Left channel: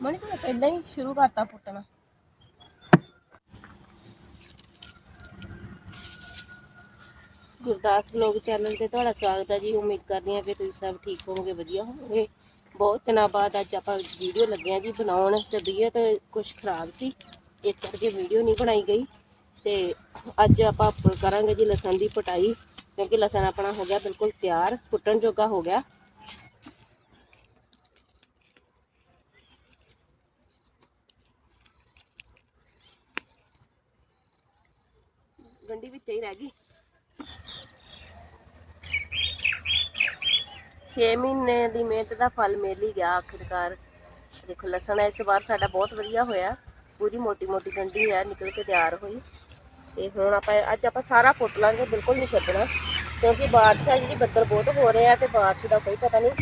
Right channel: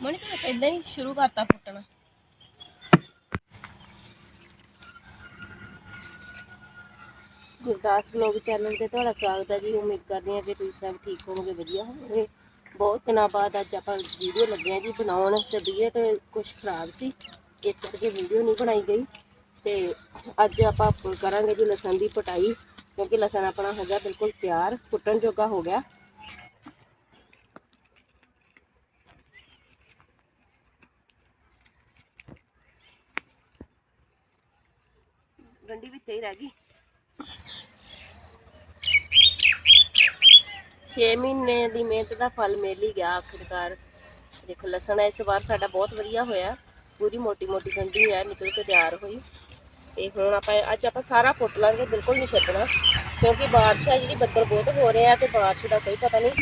ਮਣੀ ਤੂੰ ਪਹਿਲਾਂ ਹੀ ਸ਼ੁਰੂ ਕਰਤਾ ਫੁੱਟਣਾ ਗੁਰਦਾਸ ਵਲੌਗ ਚੈਨਲ ਤੇ ਤੁਹਾਡਾ ਸਵਾਗਤ ਹੈ ਜੀ। ਉਮੀਦ ਕਰਦੀ ਹਾਂ ਕਿ ਤੁਸੀਂ ਸਭ ਠੀਕ ਹੋਵੋਗੇ, ਵਧੀਆ ਹੋਵੋਗੇ। ਬਹੁਤ ਦਿਨਾਂ ਬਾਅਦ ਅੱਜ ਆਪਾਂ ਵੀਡੀਓ ਲੱਗੇ ਹਾਂ ਜੀ ਬਣਾਉਣ। ਤਬੀਅਤ ਕੁਝ ਖਰਾਬ ਸੀ। ਇਸ ਕਰਕੇ ਵੀਡੀਓ ਨਹੀਂ ਬਣਾਈ ਗਈ। ਤੇ ਅੱਜ ਆਪਾਂ ਕਰਾਂਗੇ ਜੀ ਲਸਣ ਦੀ ਪਟਾਈ। ਕਿਉਂਕਿ ਲਸਣ ਆਪਣਾ ਹੋ ਗਿਆ ਬਿਲਕੁਲ ਤਿਆਰ। ਫੁੱਟਣ ਜੋਗਾ ਹੋ ਗਿਆ। ਗੰਢੀ ਵਿੱਚ ਹੀ ਰਹਿ ਗਈ। 6 ਮਹੀਨੇ ਦੀ ਮਿਹਨਤ ਦਾ ਫਲ ਮਿਲ ਹੀ ਗਿਆ ਆਖਿਰਕਾਰ। ਦੇਖੋ, ਲਸਣ ਇਸ ਵਾਰ ਸਾਡਾ ਬਹੁਤ ਵਧੀਆ ਹੋਇਆ। ਪੂਰੀ ਮੋਟੀ ਮੋਟੀ ਗੰਢੀ ਹੈ, ਨਿਕਲ ਕੇ ਤਿਆਰ ਹੋਈ। ਤੇ ਹੁਣ ਆਪਾਂ ਅੱਜ ਆਪਾਂ ਸਾਰਾ ਪੁੱਟ ਲਾਂਗੇ, ਬਿਲਕੁਲ ਨਹੀਂ ਛੱਡਣਾ। ਕਿਉਂਕਿ ਬਾਰਿਸ਼ ਆ, ਜਿਹੜੀ ਬੱਦਲ ਬਹੁਤ ਹੋ ਰਿਹਾ ਤੇ ਬਾਰਿਸ਼ ਦਾ ਕੋਈ ਪਤਾ ਨਹੀਂ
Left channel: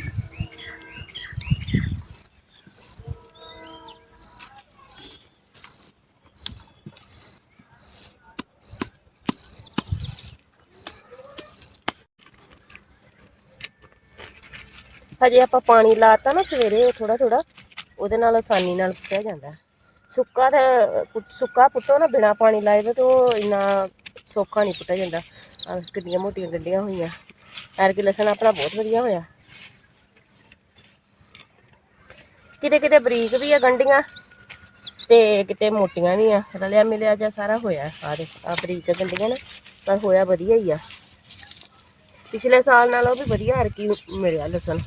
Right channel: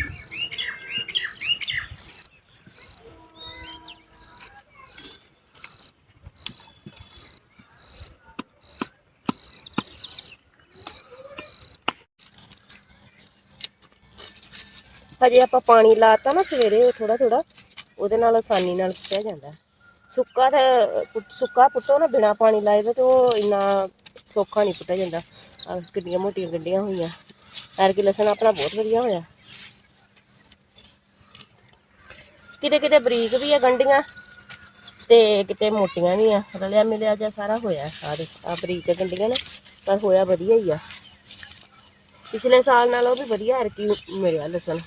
ਹਜੇ ਆਪਾਂ ਪਾਣੀ ਲਾਤਾ ਨਾ ਸਵੇਰੇ ਥੋੜਾ ਥੋੜਾ ਉਹਦੇ ਨਾਲ ਆਸਾਨੀ ਨਾਲ ਪੁੱਟਿਆ ਜਾਂਦਾ। ਸੁੱਕਾ ਤਾਂ ਪੁੱਟ- ਸੁੱਕਾ ਪੁੱਟੋ ਨਾ, ਬਿਨਾ ਪਾਣੀ ਲਾਏ ਤੋਂ ਤਾਂ ਉਹ ਇੰਨਾ ਸੌਖਾ ਨਹੀਂ ਪੁੱਟਿਆ ਜਾਂਦਾ। ਕਿੰਨੀਆਂ ਮੋਟੀਆਂ ਗੰਢੀਆਂ ਹੋਈਆਂ। ਐਰਕੀ ਲਸਣ ਆਪਣਾ ਬਹੁਤ ਵਧੀਆ ਹੋਇਆ। ਕਿਤੇ ਕਿਤੇ ਬਰੀਕ ਵੀ ਆ ਗੰਢੀਆਂ ਤੇ ਕਿਤੇ ਮੋਟੀਆਂ ਵੀ ਆ। ਰਲਿਆ ਮਿਲਿਆ ਜਿਹਾ ਸਾਰਾ ਹੋਇਆ ਆ ਦੇ ਆ ਬਰੀਕ ਗੰਢੀਆਂ ਨੇ, ਪਰ ਹੋਇਆ ਵਧੀਆ ਹੀ ਆ। ਪਿਛਲੇ ਸਾਲ ਨਾਲੋਂ ਵੀ ਵਧੀਆ ਐਰਕੀ ਮਿਲਿਆ ਲਸਣ।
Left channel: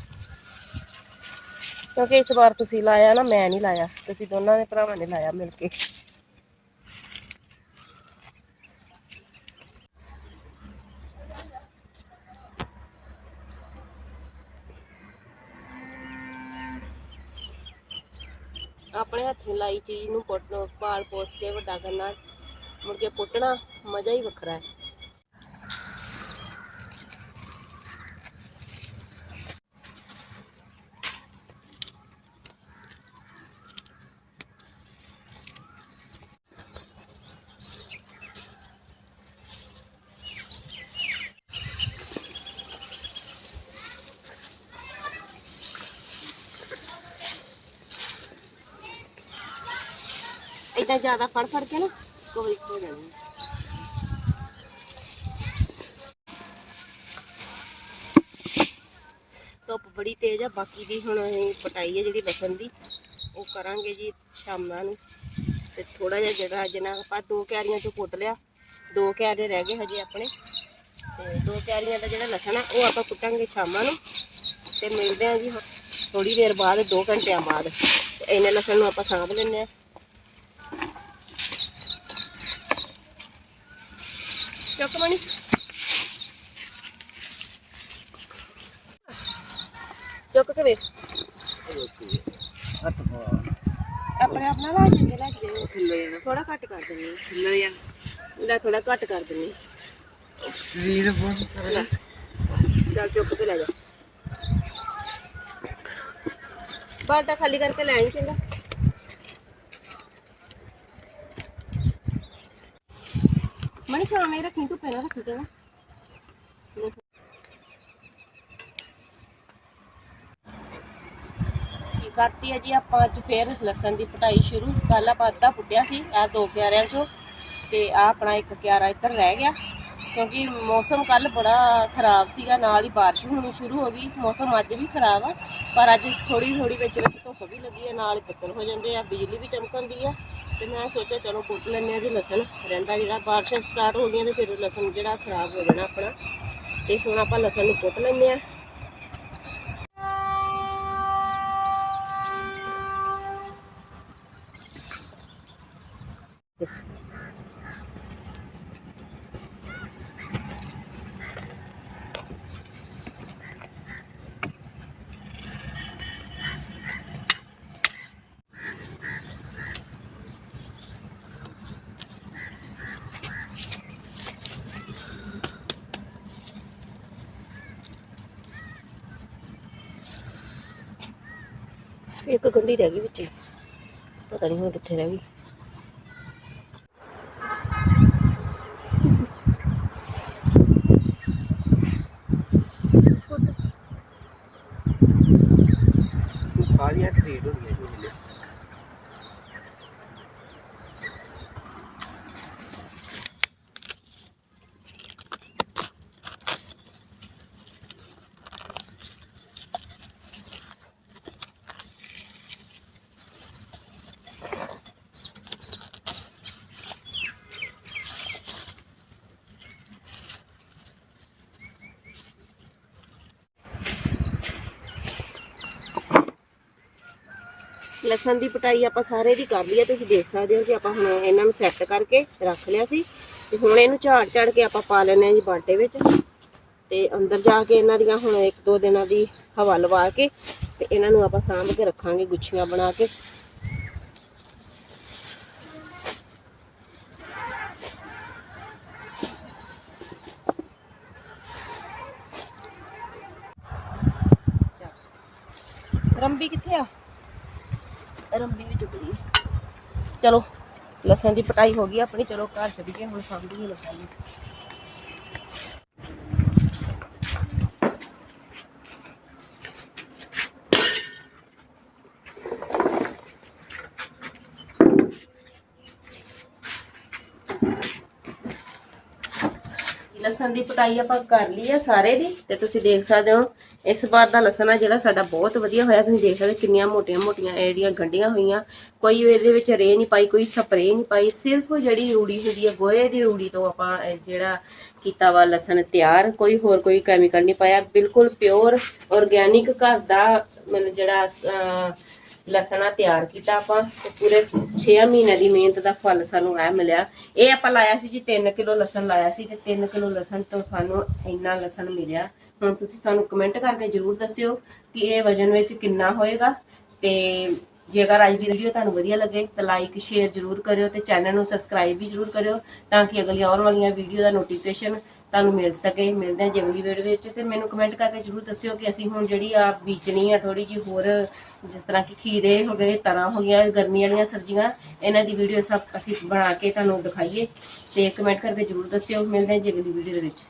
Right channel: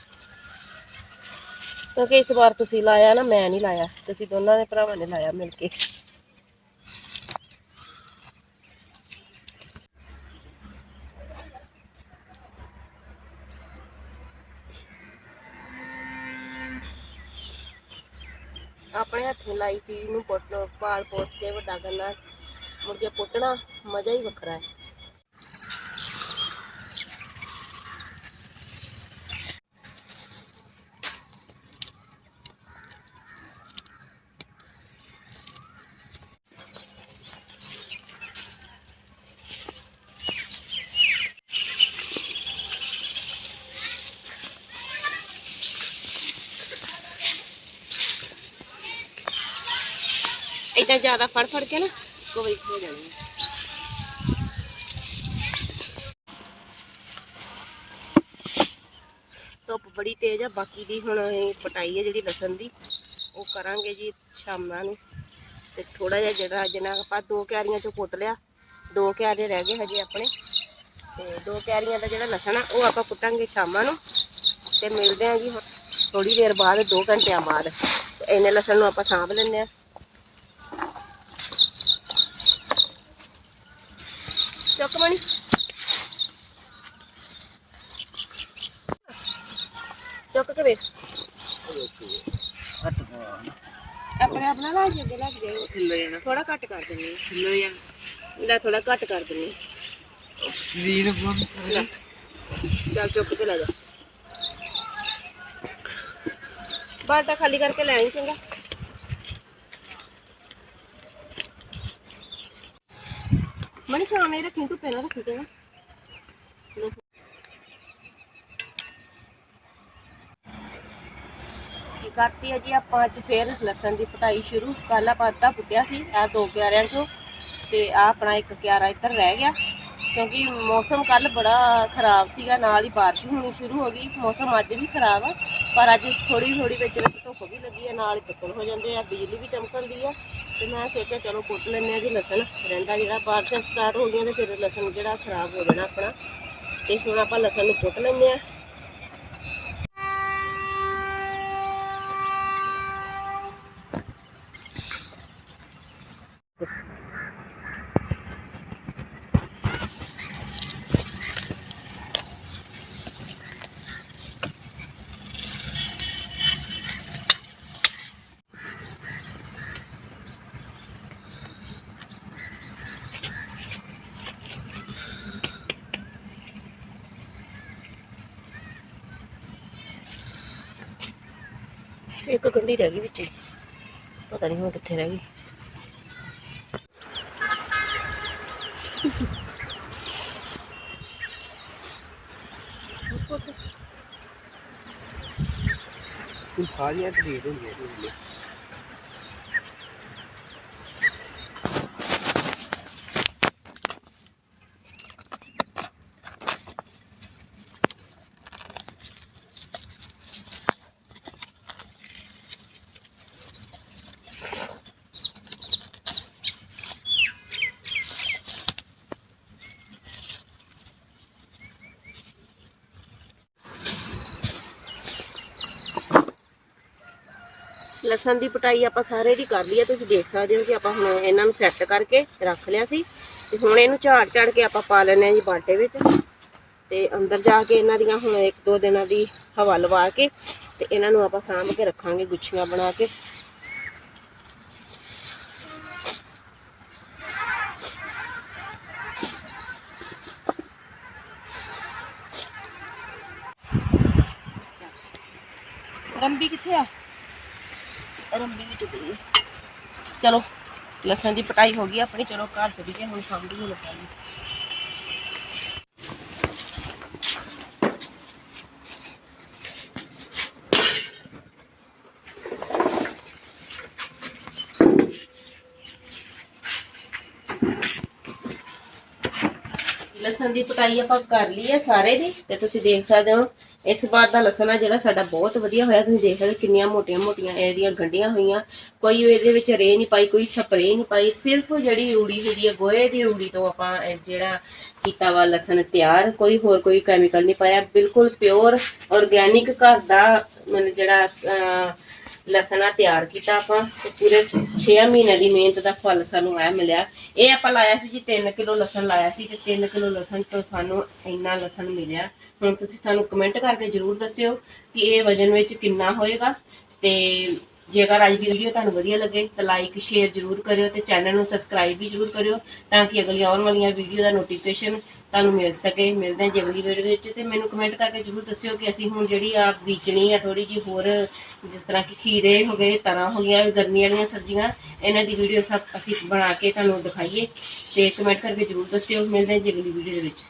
ਕਿਉਂਕਿ ਇਸ ਵਾਰ ਤੁਸੀਂ ਲਾਇਆ ਨਾ, ਮੈਂ ਨਹੀਂ ਲਾਇਆ। ਤੁਸੀਂ ਦੋਨਾਂ ਦੇ ਭਰਾਵਾਂ ਨੇ ਲਾਇਆ ਮਿਲ ਕੇ। ਆਪਣੇ ਹੱਥੀਂ ਲਾਈ ਚੀਜ਼ ਨੂੰ ਪੁੱਟ ਪਾਲ ਪੋਸ ਕੇ ਵੱਡਾ ਕਰਨਾ। ਮੁੜ ਕੇ ਪੁੱਟਣਾ, ਮਜ਼ਾ ਹੀ ਵੱਖਰਾ ਹੈ। ਇਦਾਂ ਜ਼ਿਆਦਾ ਫੜ ਫੜ ਕੇ ਨਾ ਇੱਕੋ ਹੋ ਜਾਣੀ ਧੁੱਪ ਬੜੀ ਤੇਜ਼ ਆ, ਬਾਕੀ ਦੀ ਹੁਣ ਪਟਾਈ ਹੈ ਜਿਹੜੀ ਲਸਣ ਦੀ, ਉਹ ਕਰਾਂਗੇ ਜੀ ਸ਼ਾਮਾਂ ਨੂੰ। ਤੇ ਥੋੜਾ ਜਿਹਾ ਜਿਹੜਾ ਜਿੰਨਾ ਆਪਾਂ ਦੋ ਕਿਆਰੀਆਂ ਚੋਂ ਪੁੱਟ ਲਿਆ, ਦੋ ਕਿਆਰੇ ਰਹਿ ਗਏ ਹਜੇ ਆਪਣੇ। ਤੇ ਦੋ ਕਿਆਰੀਆਂ ਦਾ ਜਿਹੜਾ ਲਸਣ ਆ, ਉਹ ਆਪਾਂ ਕੁੱਟਾਂਗੇ ਸ਼ਾਮਾਂ ਨੂੰ। ਤੇ ਮਿਲਦੇ ਆ ਜੀ ਥੋੜੀ ਦੇਰ ਬਾਅਦ 2 ਘੰਟਿਆਂ ਬਾਅਦ। ਇਹਨੇ ਲਸਣ ਨੂੰ ਆਪਾਂ ਸਾਂਭ ਲੈਂਦੇ ਆ। ਚੁੱਕ ਮਣੀ ਚੁੱਕ ਕੇ ਵੇਖ। ਆਪਣੇ ਆਪਣਾ ਲਾ ਕੇ ਲੈ ਕੇ ਜਾਓ ਨਾ ਥੋੜਾ ਘੱਟ ਕਰ ਦਿੰਨੀ ਥੱਲੇ ਜਾਂ ਲੈ ਥੋੜਾ ਘੱਟ ਕਰ ਦਿੰਨੀ ਸਰੀਰ ਬੰਦ ਲੈ ਚੱਲ ਚੁੱਕ ਕੇ ਲੈ ਜਾ। ਬਾਲਟਾ ਖਾਲੀ ਕਰਕੇ ਲੈ ਆਈ ਚੰਗਾ। ਮਣੀ ਸ਼ਾਮੇ ਰੱਖੀ ਧੁੱਪੇ ਨਾ ਰੱਖੀ ਚੰਗਾ ਕਰਤੀ ਹੈ ਜੀ ਆਪਾਂ ਅੱਜ ਫੇਰ ਲਸਣ ਦੀ ਪਟਾਈ ਸ਼ੁਰੂ। ਕੱਲ ਆਪਾਂ ਅੱਧਾ ਪੁੱਟਿਆ ਸੀ, ਇਹ ਦੋ ਕਿਆਰਿਆਂ ਚੋਂ। ਤੇ ਆ ਆਪਣਾ ਇੱਕ ਕਿਆਰਾ ਇੱਧਰ ਰਹਿ ਗਿਆ। ਕਿਉਂਕਿ ਮੌਸਮ ਕੱਲ ਬੜਾ ਖਰਾਬ ਸੀਗਾ, ਨਾਲ ਹੀ ਬਾਰਿਸ਼ ਹੋਣੀ ਸ਼ੁਰੂ ਹੋ ਗਈ। ਮੌਸਮ ਅੱਜ ਵੀ ਖਰਾਬ ਆ, ਪਰ ਅੱਜ ਥੋੜੀ ਥੋੜੀ ਵਿੱਚ ਵਿੱਚ ਧੁੱਪ ਵੀ ਲੱਗੀ ਹੈ, ਨਾਲ ਹੀ ਬੱਦਲ ਹੋ ਜਾਂਦੇ ਆ, ਬਿਜਲੀ ਵੀ ਚਮਕਦੀ ਆ। ਤੇ ਮੈਂ ਸੋਚਿਆ ਚਲੋ ਕੁੱਟ ਲੈਂਦੇ ਆ ਜੀ ਲਸਣ। ਰਹਿੰਦਾ ਜਿਹੜਾ ਬਾਰਿਸ਼ਾਂ ਸਟਾਰਟ ਹੋ ਗਈਆਂ ਤੇ ਫਿਰ ਲਸਣ ਜਿਹੜਾ ਖਰਾਬ ਹੋ ਜਾਣਾ ਆਪਣਾ। ਤੇ ਹੁਣ ਆਪਾਂ ਲਸਣ ਨੂੰ ਕੁੱਟ ਲੈਂਦੇ ਆ ਇੱਕ ਗੰਢੀ ਰਹਿ ਗਈ ਵਿੱਚੇ। ਪਤਾ ਨਹੀਂ ਹੁਣ ਕਿੱਥੇ ਰਹਿ ਗਈ। ਸਾਰੀਆਂ ਠੀਕ ਹੁੰਦੀਆਂ ਜੀ। ਲਸਣ ਦੀ ਪਟਾਈ ਆਪਾਂ ਸਾਰੇ ਦੀ ਕਰ ਲਈ ਹੈ ਤੁਸੀਂ ਦੇਖ ਸਕਦੇ ਹੋ ਕਿ ਆਪਾਂ ਹੁਣ ਇਹਨਾਂ ਨੂੰ ਸੈੱਟ ਕਰਕੇ ਰੱਖ ਲਿਆ ਸੀ। ਤੇ ਹੁਣ ਇਹਨੂੰ ਝਾੜ ਝਾੜ ਕੇ ਆਪਾਂ ਪਾ ਲੈਣੇ ਆ ਜੀ ਬਾਟੇ ਵਿੱਚ। ਤੇ ਅੰਦਰ ਜਾ ਕੇ ਇਹਨਾਂ ਦੀਆਂ ਹੁਣ ਇੱਕ ਦੋ ਦਿਨਾਂ ਦੀ ਹਵਾ ਲਵਾ ਕੇ ਤੇ ਇਹਨਾਂ ਨੂੰ ਆਪਾਂ ਸਾਂਭ ਕੇ ਰੱਖਾਂਗੇ ਗੁੱਛੀਆਂ ਬਣਾ ਕੇ ਰੰਬੀ ਕਿੱਥੇ ਆ ਰੰਬੀ ਵੀ ਚੁੱਕ ਲਈ। ਚਲੋ, ਲਸਣ ਦੀ ਪਟਾਈ ਹੋ ਗਈ ਆਪਣੀ, ਚਲੋ ਘਰ ਚੱਲੀਏ, ਹੁਣ ਸਾਂਭੀ ਨੂੰ ਲਗਾਂਗੇ ਲਸਣ ਦੀ ਪਟਾਈ ਆਪਾਂ ਕਰ ਲਈ ਹੈ ਸਾਰੇ ਦੀ, ਤੇ ਤੁਸੀਂ ਦੇਖ ਸਕਦੇ ਹੋ ਇਸ ਵਾਰ ਦਾ ਲਸਣ ਆ ਜਿਹੜਾ ਸਾਡਾ ਬਹੁਤ ਵਧੀਆ ਹੋਇਆ। ਤੁਸੀਂ ਦੇਖ ਸਕਦੇ ਕਿੰਨੀਆਂ ਮੋਟੀਆਂ ਮੋਟੀਆਂ ਇਹਦੀਆਂ ਗੰਢੀਆਂ ਹੋਈਆਂ। ਕੋਈ ਇਹਦੇ ਵਿੱਚ ਰੇ ਨਹੀਂ ਪਾਈ ਕੋਈ ਸਪਰੇਅ ਨਹੀਂ ਪਾਈ। ਸਿਰਫ ਜਿਹੜੀ ਰੂੜੀ ਹੁੰਦੀ ਹੈ ਗੋਹੇ ਦੀ ਰੂੜੀ ਤੋਂ ਆਪਾਂ ਜਿਹੜਾ ਕੀਤਾ ਵਾ ਲਸਣ ਤਿਆਰ। ਕੋਈ ਹੋਰ ਕੋਈ ਕੈਮੀਕਲ ਨਹੀਂ ਪਾਇਆ। ਬਿਲਕੁਲ ਪਿਓਰ ਆਰਗੇਨਿਕ ਘਰ ਦਾ ਮਤਲਬ ਜਿਹੜਾ ਅਹ, ਲਸਣ ਆ ਤਿਆਰ ਕੀਤਾ ਆਪਾਂ। ਪੂਰੇ 6 ਮਹੀਨੇ ਦੀ ਮਿਹਨਤ ਦਾ ਫਲ ਸਾਨੂੰ ਆ ਮਿਲਿਆ। ਇਹ ਆਪਾਂ ਲਾਇਆ ਸੀ ਜੀ 3 ਕਿਲੋ ਲਸਣ ਲਾਇਆ ਸੀ ਤੇ 3 ਕਿਲੋ ਲਸਣ ਤੋਂ ਸਾਨੂੰ ਇੰਨਾ ਲਸਣ ਮਿਲਿਆ। ਹੁਣ ਤੁਸੀਂ ਸਾਨੂੰ ਕਮੈਂਟ ਕਰਕੇ ਜਰੂਰ ਦੱਸਿਓ ਕਿ ਇਹ ਵਜਨ ਵਿੱਚ ਕਿੰਨਾ ਹੋਏਗਾ ਤੇ ਜੇਕਰ ਅੱਜ ਦੀ ਵੀਡੀਓ ਤੁਹਾਨੂੰ ਵਧੀਆ ਲੱਗੇ ਤਾਂ ਲਾਈਕ ਸ਼ੇਅਰ ਜਰੂਰ ਕਰਿਓ ਤੇ ਚੈਨਲ ਨੂੰ ਸਬਸਕ੍ਰਾਈਬ ਵੀ ਜਰੂਰ ਕਰਿਓ ਤਾਂ ਕਿ ਅਗਲੀ ਆਉਣ ਵਾਲੀਆਂ ਵੀਡੀਓ ਦਾ ਨੋਟੀਫਿਕੇਸ਼ਨ ਤੁਹਾਨੂੰ ਮਿਲ ਸਕੇ। ਮਿਲਦੇ ਹਾਂ ਜੀ ਅਗਲੀ ਵੀਡੀਓ ਵਿੱਚ ਤੇ ਮੈਨੂੰ ਕਮੈਂਟ ਕਰਕੇ ਜਰੂਰ ਦੱਸਿਓ ਕਿ ਅਸੀਂ ਹੁਣ ਜਿਹੜੀ ਆ ਬੀਜਣੀ ਆ ਥੋੜੀ ਜੀ ਹੋਰ ਜਿਸ ਤਰ੍ਹਾਂ ਕਿ ਖੀਰੇ ਹੋ ਗਏ, ਤਰਾਂ ਹੋ ਗਈਆਂ ਗਰਮੀ ਵਾਲੀਆਂ ਸਬਜ਼ੀਆਂ, ਇਹਨਾਂ ਦੀ ਵੀਡੀਓ ਸਭ ਅਸੀਂ ਬਣਾ ਕੇ ਤੁਹਾਨੂੰ ਦਿਖਾਈਏ ਤੇ ਕਮੈਂਟ ਕਰਕੇ ਜਰੂਰ ਦੱਸਿਓ। ਮਿਲਦੇ ਹਾਂ ਜੀ ਅਗਲੀ ਵੀਡੀਓ ਦੇ ਵਿੱਚ।